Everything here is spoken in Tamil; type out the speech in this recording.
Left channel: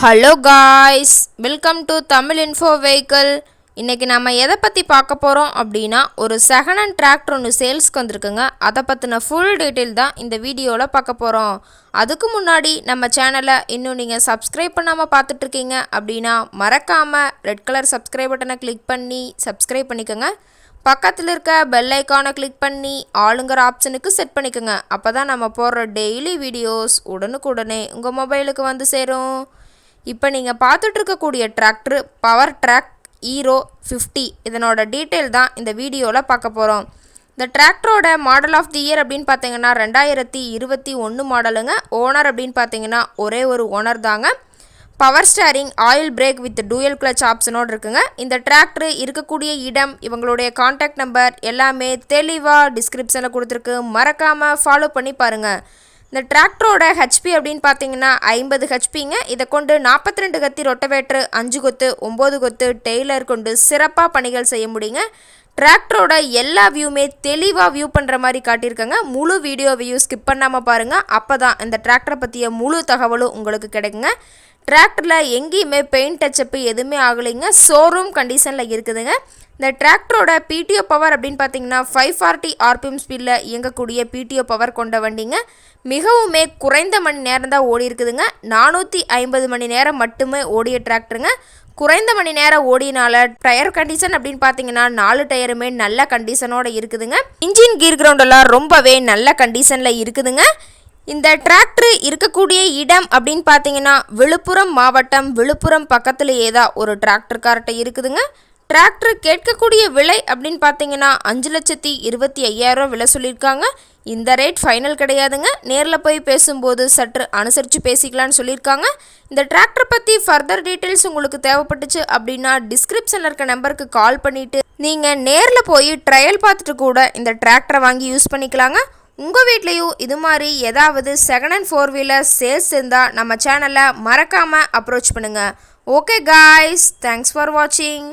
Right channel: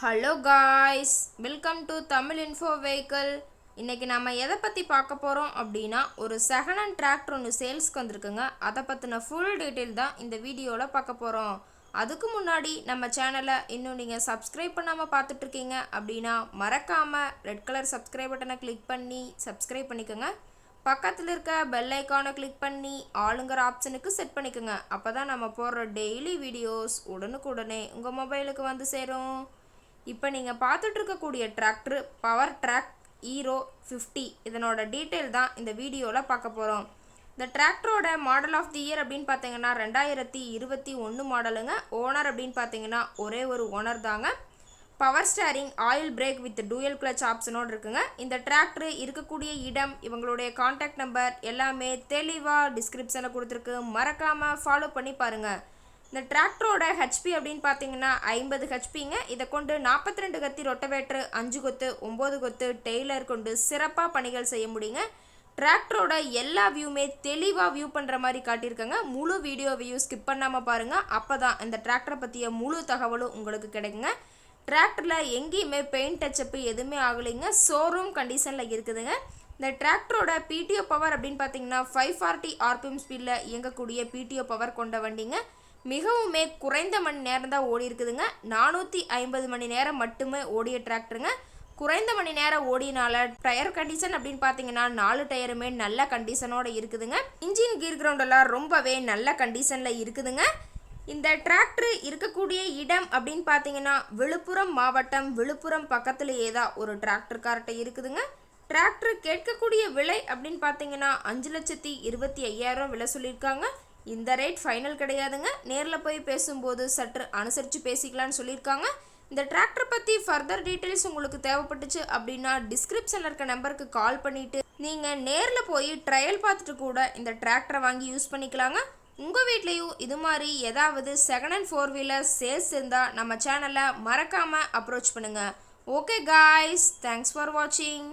Hello guys, welcome to Tamil info vehicle. இன்றைக்கி நம்ம எதை பற்றி பார்க்க போகிறோம் அப்படின்னா, ஒரு செகண்ட் ஹேண்ட் டிராக்டர் ஒன்று சேல்ஸ்க்கு வந்திருக்குங்க. அதை பற்றின ஃபுல் டீட்டெயில் தான் இந்த வீடியோவில் பார்க்க போகிறோம். அதுக்கு முன்னாடி நம்ம சேனலை இன்னும் நீங்கள் சப்ஸ்கிரைப் பண்ணாமல் பார்த்துட்ருக்கீங்க அப்படின்னா மறக்காமல் ரெட் கலர் சப்ஸ்கிரைப் பட்டனை கிளிக் பண்ணி சப்ஸ்கிரைப் பண்ணிக்கோங்க. பக்கத்தில் இருக்க பெல் ஐக்கானை கிளிக் பண்ணி ஆளுங்கிற ஆப்ஷனுக்கு செட் பண்ணிக்கோங்க. அப்போ தான் நம்ம போடுற டெய்லி வீடியோஸ் உடனுக்குடனே உங்கள் மொபைலுக்கு வந்து சேரும். இப்போ நீங்கள் பார்த்துட்ருக்கக்கூடிய டிராக்டர் பவர் ட்ராக் ஹீரோ 50. இதனோட டீட்டெயில் தான் இந்த வீடியோவில் பார்க்க போகிறோம். இந்த டிராக்டரோட மாடல் ஆஃப் தி இயர் அப்படின்னு பார்த்தீங்கன்னா 2021 மாடலுங்க. ஓனர் அப்படின்னு பார்த்தீங்கன்னா ஒரே ஒரு ஓனர் தாங்க. Power steering, oil brake with dual clutch ஆப்ஷனோடு இருக்குங்க. இந்த டிராக்டர் இருக்கக்கூடிய இடம், இவங்களுடைய கான்டாக்ட் நம்பர் எல்லாமே தெளிவாக டிஸ்கிரிப்ஷனில் கொடுத்துருக்கு. மறக்காமல் ஃபாலோ பண்ணி பாருங்கள். இந்த டிராக்டரோட ஹெச்பி அப்படின்னு பார்த்தீங்கன்னா 50 ஹெச்பிங்க. இதை கொண்டு 42 கத்தி ரொட்டவேட்ரு, 5 கொத்து, 9 கொத்து டெய்லர் கொண்டு சிறப்பாக பணிகள் செய்ய முடியுங்க. டிராக்டரோட எல்லா வியூமே தெளிவாக வியூ பண்ணுற மாதிரி காட்டியிருக்கங்க. முழு வீடியோவையும் ஸ்கிப் பண்ணாமல் பாருங்கள். அப்போ தான் இந்த டிராக்டரை பற்றிய முழு தகவலும் உங்களுக்கு கிடைக்குங்க. டிராக்டரில் எங்கேயுமே பெயிண்ட் டச்சப்பு எதுவுமே ஆகலைங்க. ஷோரூம் கண்டிஷனில் இருக்குதுங்க. இந்த டிராக்டரோட பிடிஓ பவர் அப்படின்னு பார்த்தீங்கன்னா 540 ஆர்பிஎம் ஸ்பீடில் இயங்கக்கூடிய பிடிஓ பவர் கொண்ட வண்டிங்க. மிகவுமே குறைந்த மணி நேரம் தான் ஓடி இருக்குதுங்க. 450 மணி நேரம் மட்டுமே ஓடிய டிராக்டருங்க. குறைந்த மணி நேரம் ஓடினால டயர் கண்டிஷன் அப்படின்னு பார்த்தீங்கன்னா 4 டயருமே நல்ல கண்டிஷனோட இருக்குதுங்க. இன்ஜின் கீர் கிரவுண்டெல்லாம் ரொம்பவே நல்ல கண்டிஷனில் இருக்குதுங்க. இந்த டிராக்டர் இருக்கக்கூடிய இடம் அப்படின்னு பார்த்தீங்கன்னா விழுப்புரம் மாவட்டம், விழுப்புரம் பக்கத்துலேயே தான் ஒரு டிராக்டர் கார்ட்டை இருக்குதுங்க. டிராக்டர் கேட்கக்கூடிய விலை அப்படின்னு பார்த்தீங்கன்னா 5,25,000 விலை சொல்லியிருக்காங்க. இந்த ரேட் ஃபைனல் கிடையாதுங்க. நேரில் போய் பேசும்போது சற்று அனுசரித்து பேசிக்கலான்னு சொல்லியிருக்காங்க. இந்த டிராக்டர் பற்றி ஃபர்தர் டீட்டெயில்ஸ் உங்களுக்கு தேவைப்பட்டுச்சு அப்படின்னா டிஸ்கிரிப்ஷனில் இருக்க நம்பருக்கு கால் பண்ணிவிட்டு நீங்கள் நேரில் போய் ட்ரையல் பார்த்துட்டு கூட இந்த டிராக்டரை வாங்கி யூஸ் பண்ணிக்கலாங்க. உங்கள் வீட்லேயும் இது மாதிரி ஏதாவது செகண்ட் ஹேண்ட் 4 வீலர் சேல்ஸ் இருந்தால் நம்ம சேனலை மறக்காமல் அப்ரோச் பண்ணுங்கள். ஓகே காய்ஸ், தேங்க்ஸ் ஃபார் வாட்சிங்.